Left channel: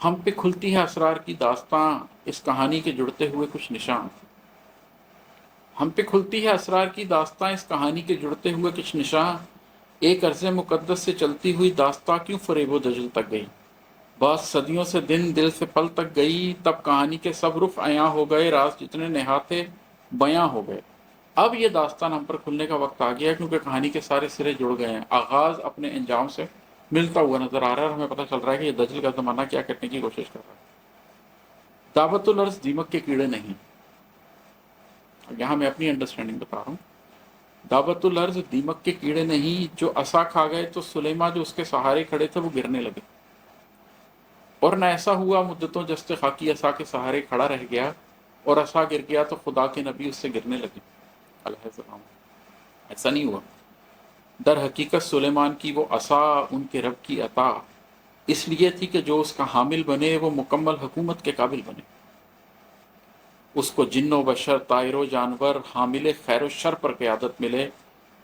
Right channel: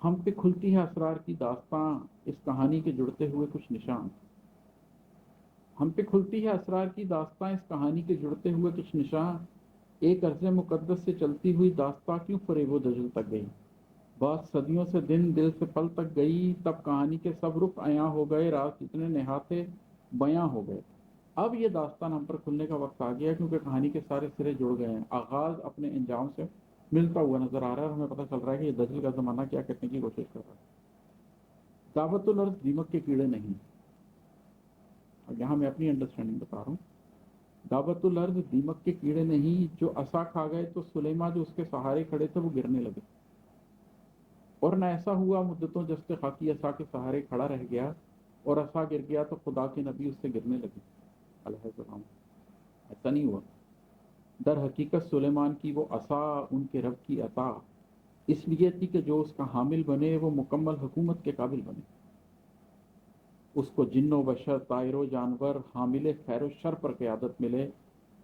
ہم پہ کھلتی ہے اسرار کی داستاں، اس کہانی کے جڑتے ہوئے کچھ نشان۔ ہم پہ کھلتی ہے اسرار کی داستاں، اس کہانی کے جڑتے ہوئے کچھ نشان۔ ایک عرض مقدس سے چلتی ہوئی داستاں کیوں فریب و دجل تک گئی؟ بعض صدیوں سے دن دل سے پل تک گئی، تب کہانی کے سب رخ عیاں ہو گئے، راز جتنے نہاتے بیاں ہو گئے۔ اب یہ داستان ہم پر کھلنے کا وقت آ گیا ہے، کیونکہ کہانی کے سارے سرے جڑ گئے ہیں، آغاز اپنے انجام سے ملتا ہوا نظر آ رہا ہے، اور ہمیں پتہ چل رہا ہے کہ یہ دجل کا زمانہ کیا کرنے کی کوشش کر رہا ہے۔ دعوت الارض دیمک کے کیڑے نہیں۔ یہاں میں اپنی انڈرسٹینڈنگ بتا رہا ہوں۔ دعوت الارض دیمک کے کیڑے نہیں، جو عصا کھا گئے تو سلیماں جو اس کے سہارے کھڑے تھے وہ گرنے لگے، اور نہ ایسا ہوا مدتوں جست خاکی عصا کے سہارے کھڑا رہ گیا، اور عصا گر گیا تو خدا کے نبی اس سے گرنے لگے علیہ السلام۔ ایسا نہیں ہوا۔ در حقیقت سلیمان کی وہ عصا ان کے رب کی عطا اس لیے تھی کہ جو اس کا حامل بنے وہ مکمل حکومت کے قابل بنے۔ اس کو جن و بشر، طائر و جانور، حامل خیر و شر پر قیادت ملے۔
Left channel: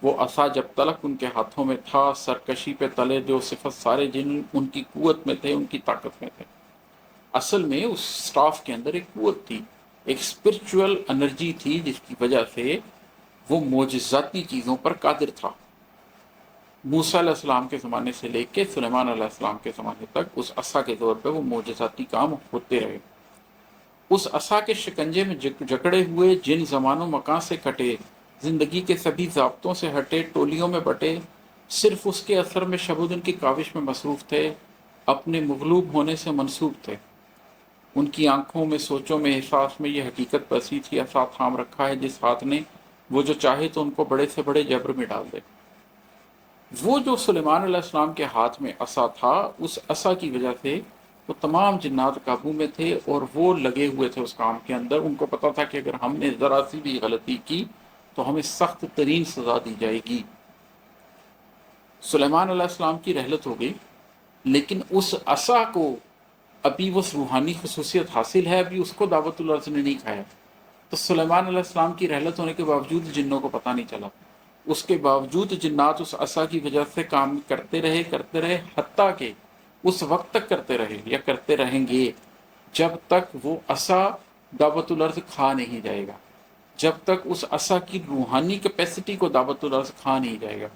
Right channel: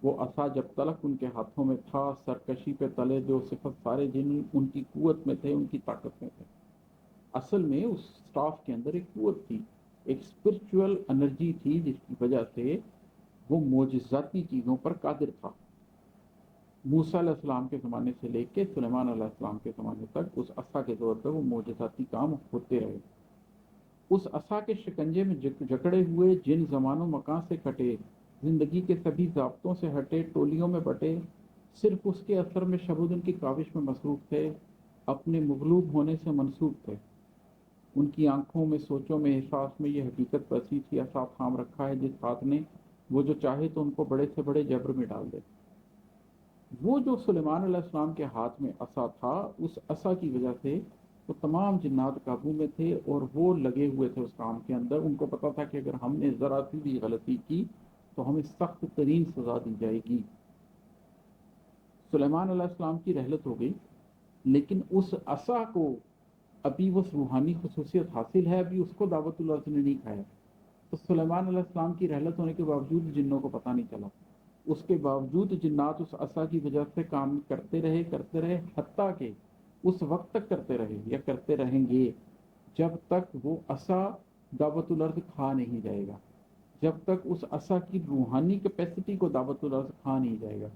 وہ عصا جب تلک ان کے ہاتھوں میں تھا، سرکشی پہ تلے جو صفت سارے جن ان کی قوت میں تھے، ان کی طاقت میں تھے۔ اصل میں اس سٹاف کے اندر ایک قوت تھی، ایک اسپرچول انرجی تھی، جس کی وجہ سے وہ معجزاتی چیزوں پر قادر تھا۔ موسیٰ علیہ السلام کے زمانے سے لے کے سلیمان علیہ السلام کے زمانے تک اس عصا کے طور پہ وہ معجزاتی کام ہوتے رہے۔ اس عصا کے شکنجے میں جکڑے ہوئے جن زمان و مکان سے کٹے، زندگی کے سبھی ضابطوں سے ہٹے، ٹولیوں میں بٹے، صرف اس کے اثر میں شب و دن کی کاوش میں مصروف تھے، اپنے مغلوب ہونے سے منسوب تھے۔ ان کی آنکھوں میں، سوچوں میں، احساس میں یہ حقیقت بسی تھی، عصا تھام رکھا ہے جس ہاتھ نے، وہ جو چاہے تو ان کو بڑے سے بڑے جبر میں ڈال دے۔ وہ جو سلیمان علیہ السلام کے ہاتھ میں عصا تھا، اس عصا کی وجہ سے وہ تمام جنات قابو میں تھے، اور وہ لگے ہوئے تھے اس کام کے اندر۔ ان کو پتا تھا کہ اگر ہم نے ذرا سی بھی غلطی کی تو ہمیں سخت ترین سزا دی جائے گی۔ سلیمان علیہ السلام کی رحلت ہو گئی، لیکن اس عصا کو ابھی وہ روحانی خصوصیت حاصل ہے، ابھی اس کو دعوت الارض نے نہیں کھایا۔ تو سلیمان علیہ السلام کی رحلت ہونے کے باوجود جنوں کو پتہ نہیں چلا، اس کے باوجود جنات اس عصا کی وجہ سے کام کرتے رہے، حتیٰ کہ اس وقت تک کرتے رہے یا کرتے رہیں گے جب تک وہ عصا دعوت الارض کھا نہیں جائے گا، جب تک اس عصا کی روحانی کیپیسٹی کو دعوت الارض کھا نہیں جائے گا۔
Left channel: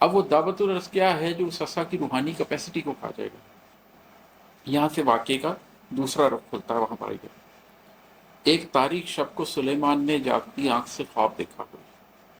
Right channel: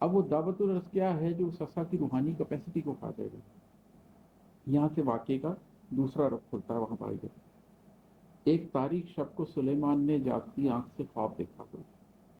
اب وہ دعوت الارض کیا ہے جو اس عصا کی روحانی کیپیسٹی کو کھا جائے گا؟ یہاں سے واقعے کا دوسرا رخ کھلتا ہے، وہاں پر آئیے۔ ایک تاریک شب کو سلیمان نے جاگتی آنکھ سے خواب دیکھا۔